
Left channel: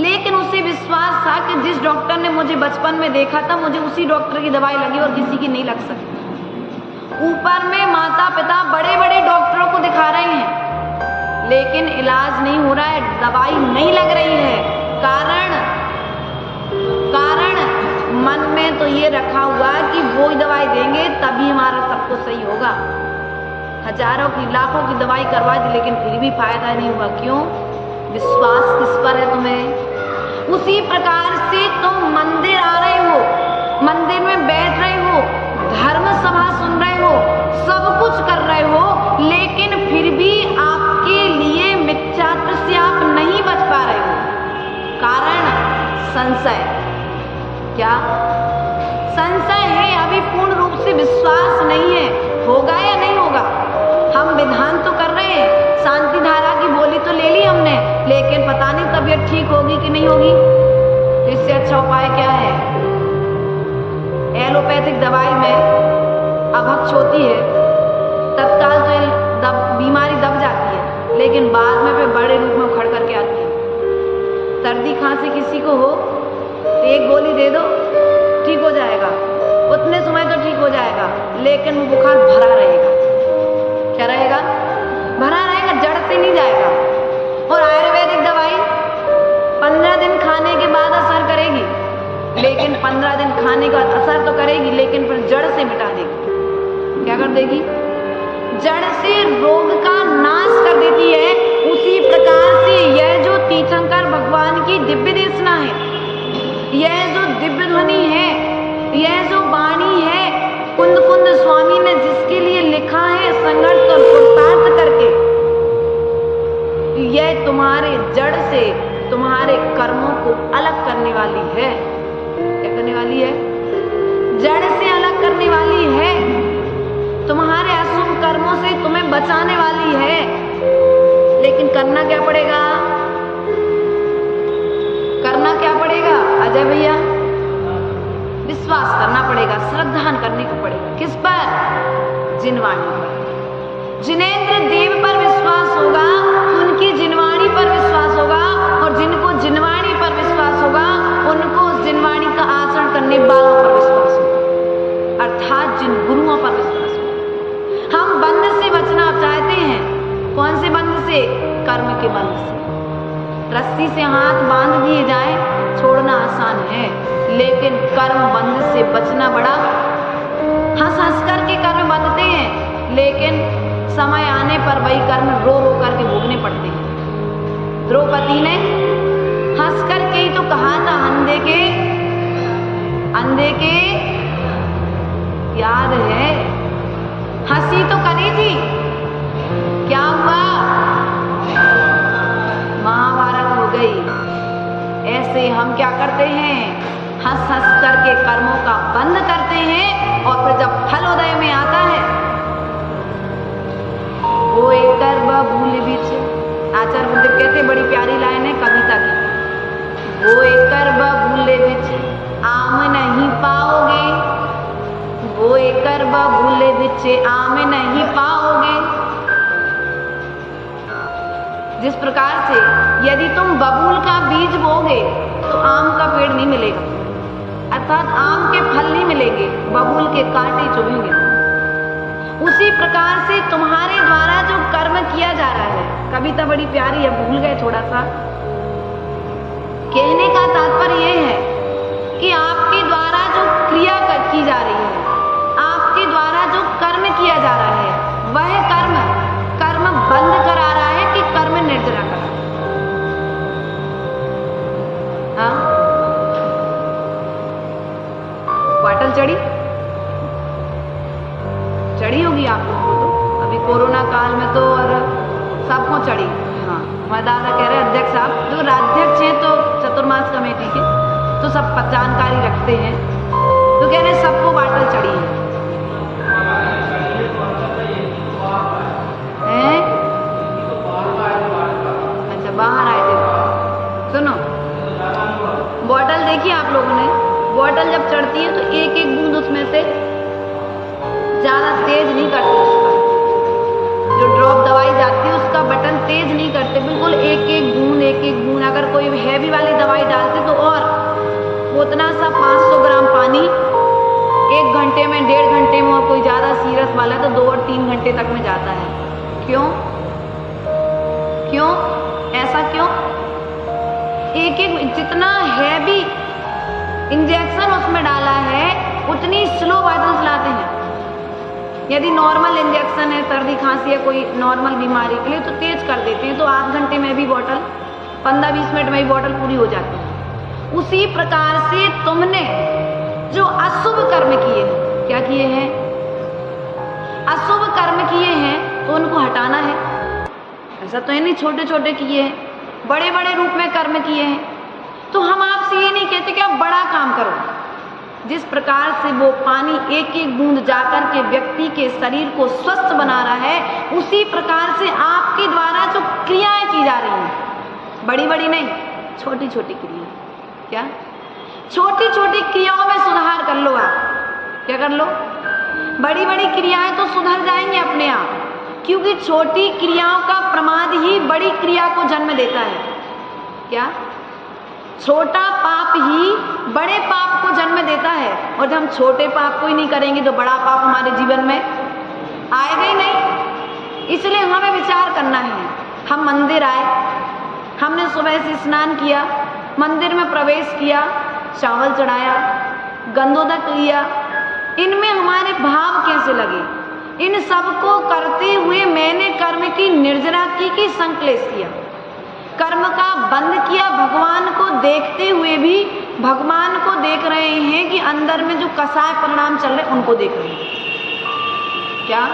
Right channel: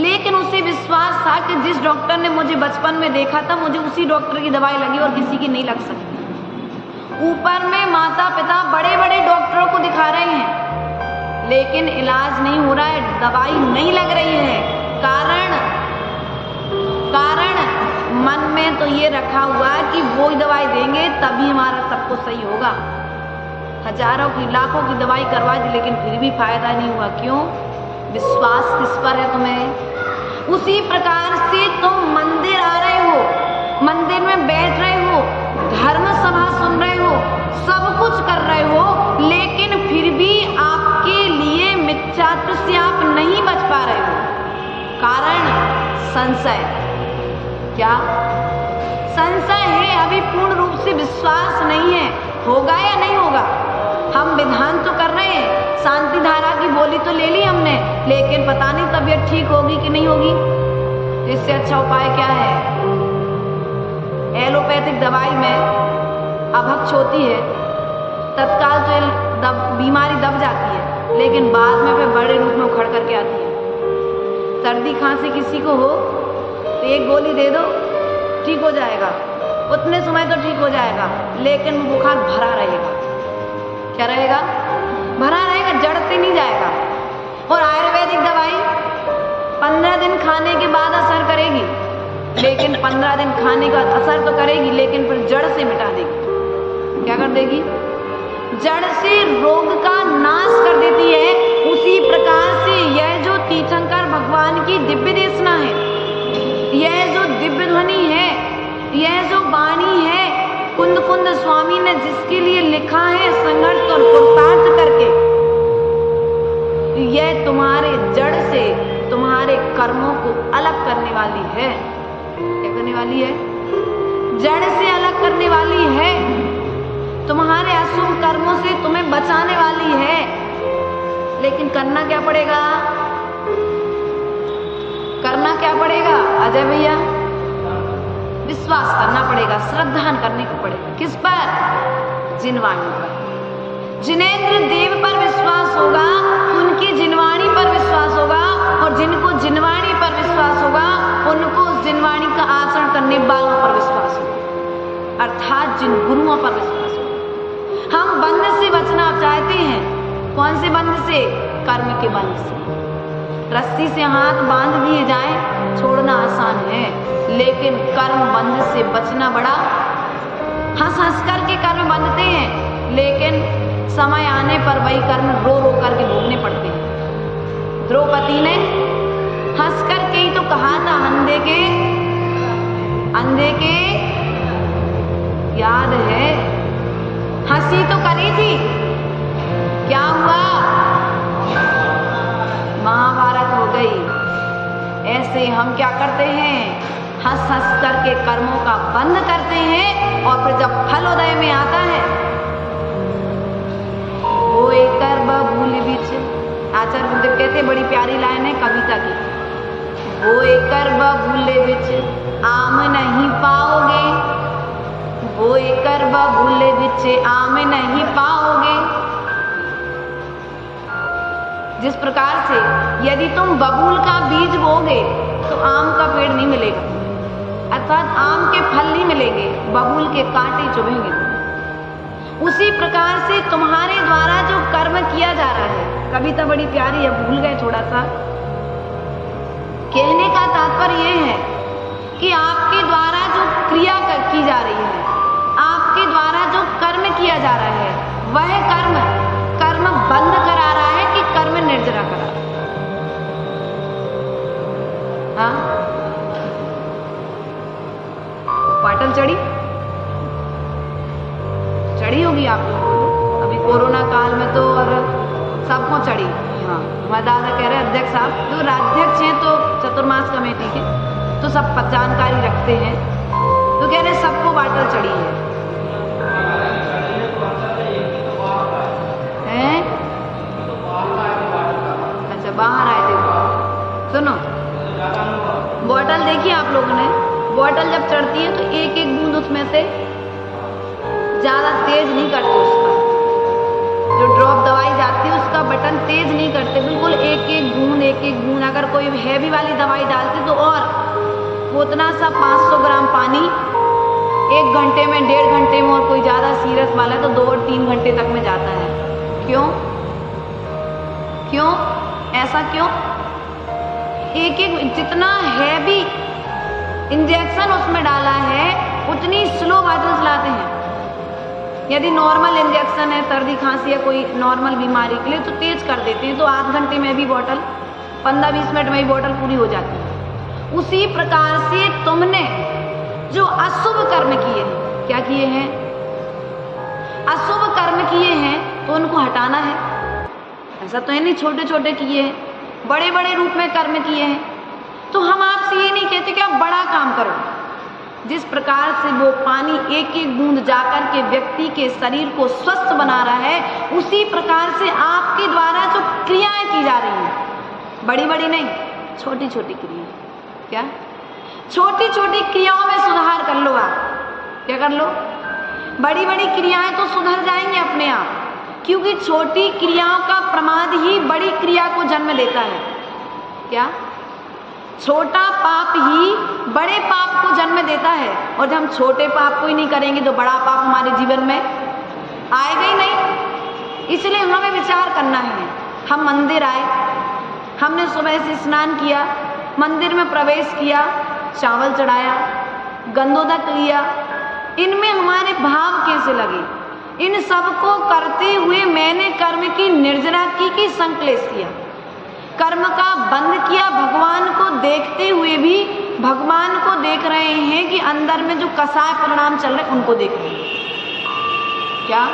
लेकिन उसे विश्वास था कि जिस डॉक्टर ने मुझे बचपन में देखा था मुझे उसी डॉक्टर की दवाई लगी और किसी की नहीं लग सकती। ऊपर में माता पिता बड़े बड़े डॉक्टरों को दिखा रहे हैं, लेकिन इलाज नहीं हो रहा है, दवाई नहीं लग रही है। कारण मन में तो ये रखा हुआ है कि वो ही दवाई देंगे तभी हमारा सब कुछ सही होगा। हजारों की लाखों की दवाई करवा दी, लेकिन फिर भी फायदा नहीं हुआ। क्यों? विश्वास किस पर है तुम्हें? उसी प्रकार से तुम मंदिर आ रहे हो, मंदिर में बैठ रहे हो, धर्म सभा सुन रहे हो, सब कुछ कर रहे हो, लेकिन फिर भी आपके लिए मिथ्यात्व से आप नहीं बच पा रहे हो। कारण संशय। क्या संशय है? अभी पूर्ण रूप से विश्वास नहीं है, होगा या नहीं होगा। हम विधान तो कर रहे हैं, शांति धारा की बोली तो ले ली हमने, लेकिन पता नहीं तबीयत ठीक होगी कि नहीं होगी। इससे अच्छा उपाय क्या है? एलोपैथिक दवाई में अभक्ष होती है, तत्काल तो बीमारी दब जाती है, लेकिन बाद में फिर बड़े रूप में उखड़ करके आती है। सर्दी खांसी किसी को हो तो एक गोली दे दो, ठीक हो जाएगा, उतने समय तो ठीक हो जाएगा, लेकिन वो बुखार भरा रहेगा। क्या रहेगा? भरा रहेगा, जड़ झट से नहीं जाएगा। और आयुर्वेदिक दवाई 15 दिन खाने के बाद असर करेगी, लेकिन 15 दिन खाने के बाद असर तो करेगी, लेकिन फिर जड़ से मिटा देगी। क्या कर देगी? जड़ से रोग का नाश कर देती है। उसी प्रकार से यह जो तीर्थंकर भगवान की दिव्य देशना है, यह जो दिव्य ध्वनि है, यह जो वाणी है, कुंद कुंद स्वामी ने जिसके लिए लिखा है संघर्ष और पुरुषार्थ करके, यह तुम्हारे जड़ से तुम्हारे कर्मों को अलग करने वाली है। क्या करने वाली है? जड़ से अलग करने वाली है। तुम्हारे अशुभ कर्मों से तुम्हें बचाने वाली है। लेकिन करना क्या पड़ेगा? करना क्या पड़ेगा अजय भैया? विश्वास करना पड़ेगा, श्रद्धा करने को पड़ेगा। किस पर? जिनवाणी पर। जिनेंद्र देव पर विश्वास होगा, उनकी जिनवाणी पर विश्वास होगा, और जिनको जिनवाणी पर विश्वास होगा उनको उस जिनवाणी का आचरण करने वालों पर विश्वास होगा, अर्थात जिन गुरुओं पर विश्वास होगा। हम बंध से बचना चाहते हैं। कौन से बंध से? कर्म के बंध से। रस्सी से हाथ बांध दिए जाए, छोड़ना आसान है, लेकिन कर्म बंध से बचना बड़ा। हंस हंस करके कर्म बंधते हैं, लेकिन समय आने पर वही कर्म रो रो करके भोगने पड़ते हैं। द्रौपदी ने हंस करके ही तो कहा था, अंधे के याद है, हंसी तो करी थी, क्या हुआ? महाभारत हो गई। ऐसे हम क्या करते हैं? हंस हंस करके कर्मों का बंध करते हैं, और फिर जब फल उदय में आता है, वो एक कर बबूल बीच, आचार्य गुरुदेव कहते, बड़ी प्यारी लाइन है कविता की, वो एक कर बबूल बीच आम नहीं पाओगे, वो एक कर बबूल बीच आम नहीं पाओगे। जिस प्रकार से यदि तुम बबूल का बीज बोगे तो आम का पेड़ नहीं मिलेगा, अर्थात आम के फल नहीं मिलेंगे, बबूल के कांटे चुभेंगे। उसी प्रकार से तुम्हारे द्वारा जो कर्म किया जा रहा है, कविता बड़ी प्यारी है, भूल गए थोड़ा सा। कहने का तात्पर्य यह है कि आपके द्वारा जो क्रिया की जा रही है, आपके द्वारा जो कर्म किया जा रहा है, वह कर्म बंद करा रहा है कि कर्म निर्जरा करा रहा है? हाँ? बाटल चढ़ी होगी आप लोगों को तो, अभी कोरोना काल में तो, और सबको चढ़ी। हाँ, हमारे दादा कह रहे अध्यक्ष साहब जो राज्यक्ष हैं तो चतुर्मास कमेटी के, तो सब जानकारी रखते हैं, तो कह रहे सबको बाटल चढ़ी है। अच्छा, बाहर आए थे। सुनो, बॉटल देखिए आप लोगों ने, बॉटल जब चढ़ती है तो एक एक बूंद उसमें से ज्यादा तेज नहीं करते, उसका जो ड्रॉप दवाई जाती है उसका बटन तेज नहीं करते, बिल्कुल एक एक बूंद। अगर कोई हैवी वाली दवाई डालते तो और उतना सा 500 ग्राम पानी 1 घंटे में, 1.5 घंटे में, और कोई ज्यादा सीरियस वाला तो 2 और 3 घंटे तक में जाता है। क्यों? ऐसा क्यों? एक जितना हैवी इंजेक्शन उसमें डाला है उतनी स्लो बॉटल चलाते हैं। यदि नॉर्मल इंजेक्शन है, सर्दी खांसी या कोई नॉर्मल बीमारी के लिए, तो तेज कर देते हैं, तो आध घंटे में भी बॉटल, 15-20 मिनट में भी बॉटल पूरी हो जाती है। उसी प्रकार से तुमने जो अशुभ कर्म किए हैं, क्या किए हैं? अशुभ कर्म किए हैं, तो उनको हटाना है। ऐसा तो है नहीं छोटे छोटे किए हैं, बड़े बड़े रूप में कर्म किए हैं। तो हम आपसे ये नहीं कहते कि आप बड़ा काम करो। जिस प्रकार से वो पानी एक एक बूंद जाकर के व्यक्ति के शरीर को स्वस्थ बना रहा है, उसी प्रकार से आपके द्वारा जो क्रियाएं की जा रही हैं, बड़ी बड़ी नहीं, छोटी छोटी क्रियाएं। क्या? छोटी छोटी क्रियाओं में सुधार कर लो। आप क्या कर लो? बड़ी बड़ी क्रियाएं तो सुधर जाएंगी अपने आप, क्योंकि छोटी क्रियाओं का प्रमाद ही बड़ी क्रिया को जन्म देता है। क्या? छोटा पाप ही बड़े पाप को जन्म देता है, और जब हम छोटे पाप को ही नहीं करेंगे तो बड़ा पाप हमारे जीवन में आएगा ही नहीं। इसलिए हमें विचार करना है हम मंदिर आए, हमने सुबह से स्नान किया, मंदिर में प्रवेश किया, चावल चढ़ाया, गंधोदक लिया, इनमें हमारे भाव कैसे लगे? इन सब को करते हुए मैंने कर्म की निर्जरा की कि संकलेश किया, कर्म का बंद किया, भगवान को देखते हुए भी भगवान को देख रहे हैं कि अंदर में जो कसाय परिणाम चल रहे उनको देख रहे हैं। क्या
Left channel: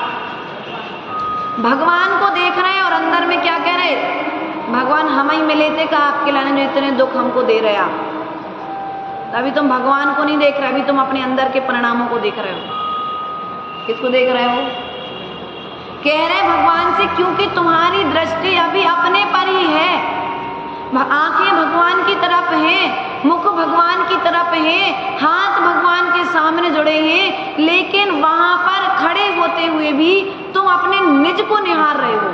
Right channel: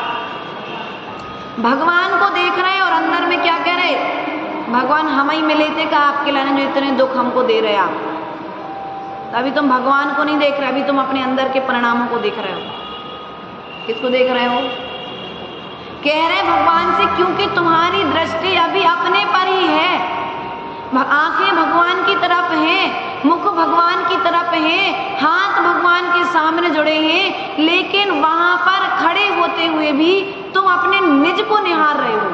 भगवान को देख रहे हैं और अंदर में क्या कह रहे? भगवान हम ही मिले थे, कहा आपके लाने जो इतने दुख हमको दे रहे आप। अभी तुम भगवान को नहीं देख रहे, अभी तुम अपने अंदर के परिणामों को देख रहे हो। किसको देख रहे हो? कह रहे भगवान से, क्योंकि तुम्हारी दृष्टि अभी अपने पर ही है, आंखें भगवान की तरफ हैं, मुख भगवान की तरफ है, हाथ भगवान के सामने जुड़े हैं, लेकिन वहां पर खड़े होते हुए भी तुम अपने निज को निहार रहे हो।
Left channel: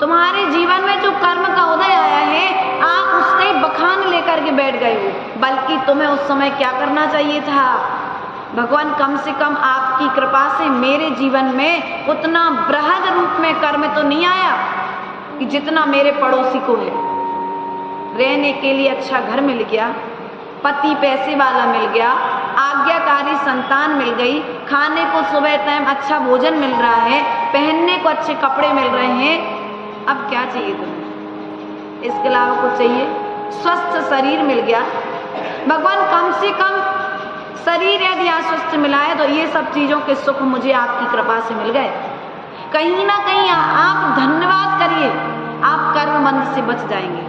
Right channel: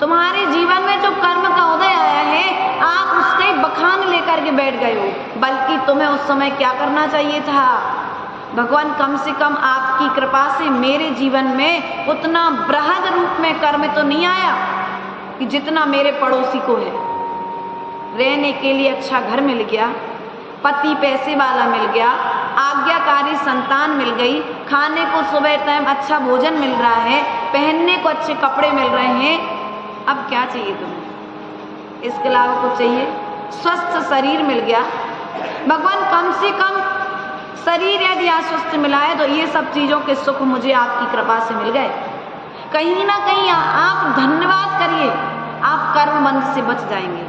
तुम्हारे जीवन में जो कर्म का उदय आया है, आप उसका ही बखान लेकर के बैठ गए हो, बल्कि तुम्हें उस समय क्या करना चाहिए था? भगवान कम से कम आपकी कृपा से मेरे जीवन में उतना बृहद रूप में कर्म तो नहीं आया कि जितना मेरे पड़ोसी को है। रहने के लिए अच्छा घर मिल गया, पति पैसे वाला मिल गया, आज्ञाकारी संतान मिल गई, खाने को सुबह टाइम अच्छा भोजन मिल रहा है, पहनने को अच्छे कपड़े मिल रहे हैं। अब क्या चाहिए तुम्हें? इसके अलावा कुछ चाहिए? स्वस्थ शरीर मिल गया, भगवान कम से कम शरीर यदि अस्वस्थ मिला है तो ये सब चीजों के सुख मुझे आपकी कृपा से मिल गए। कहीं ना कहीं आप धन्यवाद करिए, आप कर्म बंध से बच जाएंगे,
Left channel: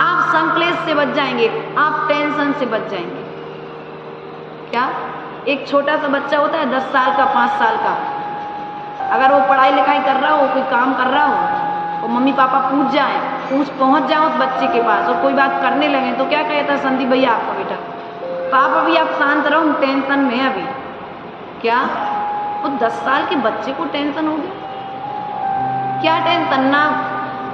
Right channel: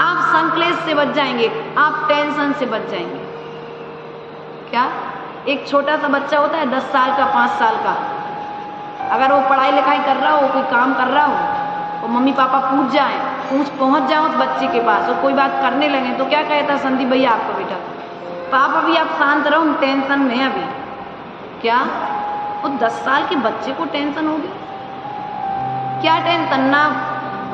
आप संकलेश से बच जाएंगे, आप टेंशन से बच जाएंगे। क्या एक छोटा सा बच्चा होता है 10 साल का, 5 साल का, अगर वो पढ़ाई लिखाई कर रहा हो, कोई काम कर रहा हो, और मम्मी पापा पहुंच जाए उस बच्चे के पास और कोई बात करने लगे तो क्या कहता संदीप भैया आपका बेटा? पापा भी आप शांत रहो, हम टेंशन में हैं अभी। क्या वो 10 साल के बच्चे को टेंशन हो गया? क्या टेंशन? ना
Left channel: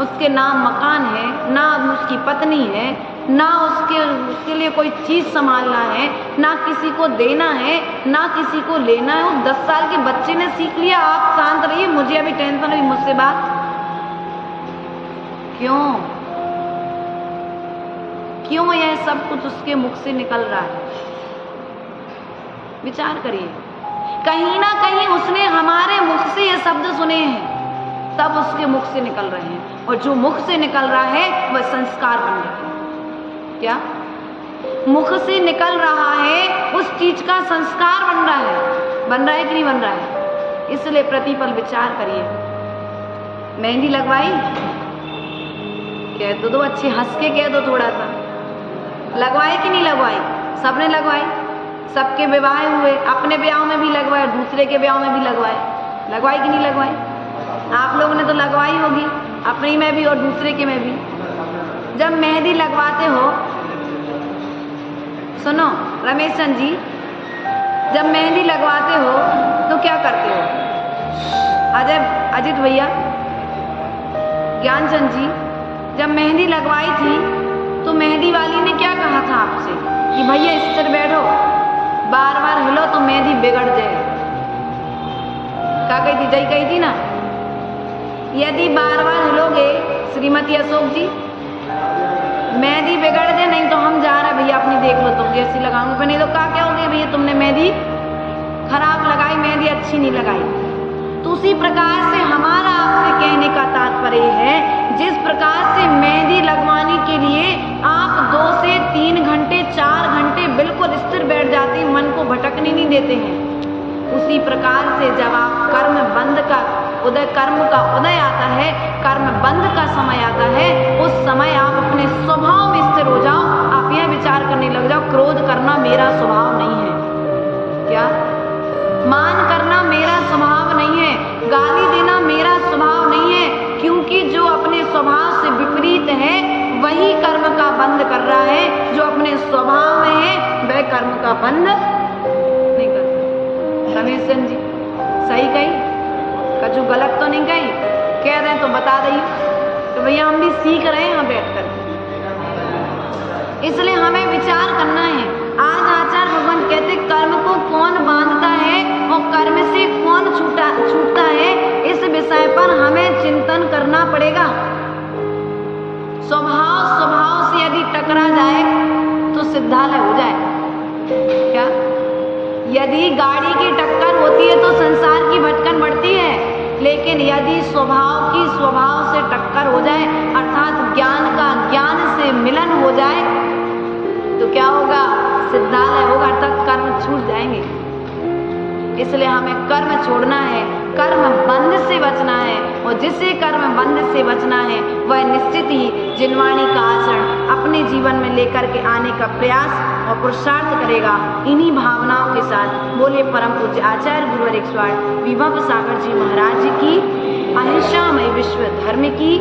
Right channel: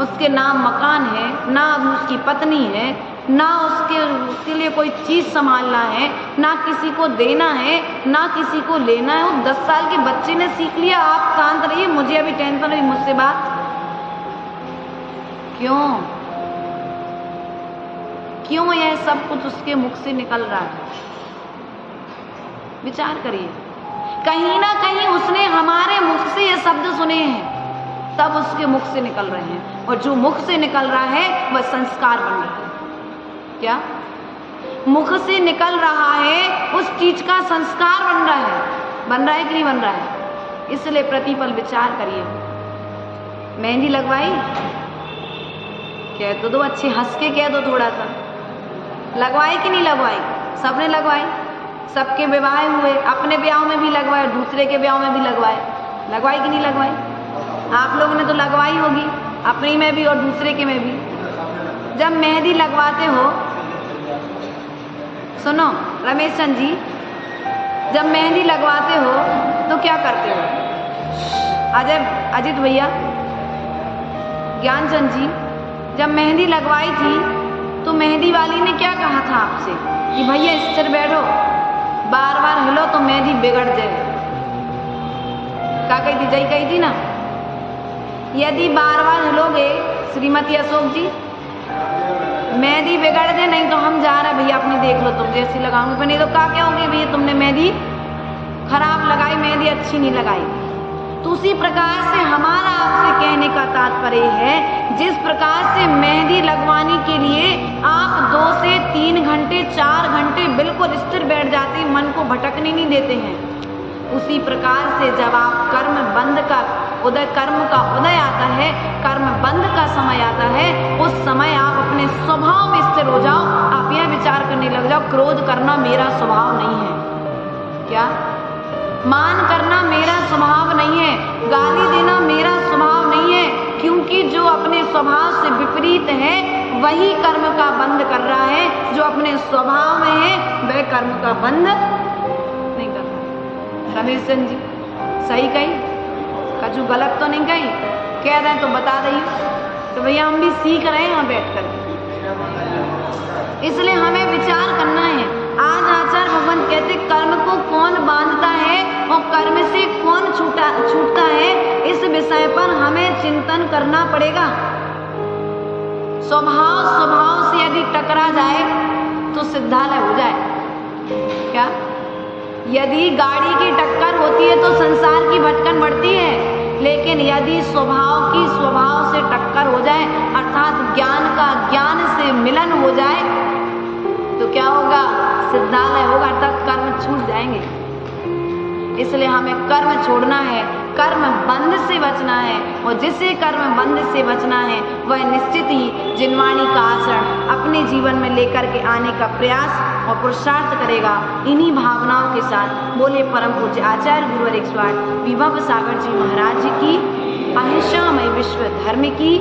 उसके नाम मकान है, ना उसकी पत्नी है, ना उसके लिए कोई चीज संभालना है, ना किसी को देना है, ना किसी को लेना है। वो 10 साल के बच्चे ने सीख लिया आप शांत रहिए, मुझे अभी टेंशन हुई, मुझसे बात क्यों यह सब कुछ उसके मुख से निकल रहा है? विचार करिए। कहीं ना कहीं उसने हमारे मुख से ये शब्द सुने हैं, तब उसके मुख से निकल रहे हैं, और जो मुख से निकल रहा है वह संस्कार बन रहा है। क्या मुख से निकल रहा है उस चीज का संस्कार बन रहा है कि नहीं बन रहा है? इसलिए प्रतिपल विचार करिए। मेहंदी लगवाई? कह तो दो, अच्छे हंस के कह दो, थोड़ा सा लगवाई कि नहीं लगवाई? सबने लगवाई, सबके विवाह हुए, अपने ब्याह में भी लगवाए, दूसरे के ब्याह में भी लगवाई कि नहीं लगवाई? आप लोगों ने तो लगवाई होगी, अपनी में भी और दूसरे के में भी। जब मेहंदी लगवाते हो, सुनो रमेश चंद जी, जब मेहंदी लगवाते हो तो क्या करते हो? अजित भैया, ज्ञानचंद जी, जब मेहंदी लगवाई थी तो मेहंदी वाली ने क्या कहा था आपसे कि भैया स्थिर बैठो, बार बार हिलो तो मेहंदी बिगड़ जाए? क्या कही थी? जय कही थी ना, यदि बार बार हिलोगे श्रीमती अशोक जी मेहंदी बिगड़ जाए, नहीं तो हम जा रहे भैया, अपनी देख लो, तुम जैसी लगाऊंगे, नहीं तो क्या कहोगे भैया तुमने मेहंदी खराब लगाई, मेहंदी अच्छी नहीं लगाई। तो उसी प्रकार से हमारा आपसे कहने का तात्पर्य है, जिस प्रकार से मेहंदी लगवाने के लिए आप 2 से 3 घंटे 4 घंटे बिल्कुल स्थिर बैठ जाते हैं, मन को भटकने नहीं देते हैं, उसी प्रकार से जब आप कर्म का उदय आता है, कर्म बंद का समय आता है, उस समय आप अपने स्वभाव में स्थिर हो जाओ। आप यह विचार करने लग जाओ, क्रोध करना मेरा स्वभाव नहीं है। क्या? मान करना मेरा स्वभाव नहीं है, गाली देना मेरा स्वभाव नहीं है, क्योंकि जो अपने स्वभाव से विपरीत है वही कर्म का बंध कर रहा है, जो अपने स्वभाव में है वह कर्म का बंध नहीं कर रहा। रमेश चंद जी सही कही? कछु गलत तो नहीं कही? कह रहे हैं तो बता दीजिए, तो भैया हम भी सीख रहे हैं यहाँ बैठ कर, इसलिए हमें विचार करना है। आज आचार्य भगवान कहते कर्म को कौन बांधता है और कर्म से कौन छूटता है, इस विषय पर हमें चिंतन करना पड़ेगा। स्वभाव से यदि टकरा जाए तो सिद्धालय हो जाए। क्या? यदि गाड़ी की टक्कर होती है तो संसार की भटकन बढ़ती है, लेकिन यदि स्वभाव से टक्कर हो जाए अर्थात ज्ञान का ज्ञान से मिलन हो जाए तो क्या होगा? सिद्धालय होगा, अर्थात कर्म छूट जाएंगे। इसलिए हमें कर्म छोड़ना है, कर्म बंध से बचना है, और जिसे कर्म बंध से बचना है वह निश्चित ही जिनवाणी का आचरण अपने जीवन में लेकर के आने का प्रयास और पुरुषार्थ करेगा। इन्हीं भावनाओं के साथ बोले परम पूज्य आचार्य गुरुवर 108 विभव सागर जी महाराज की, अहिंसामय विश्व धर्म की।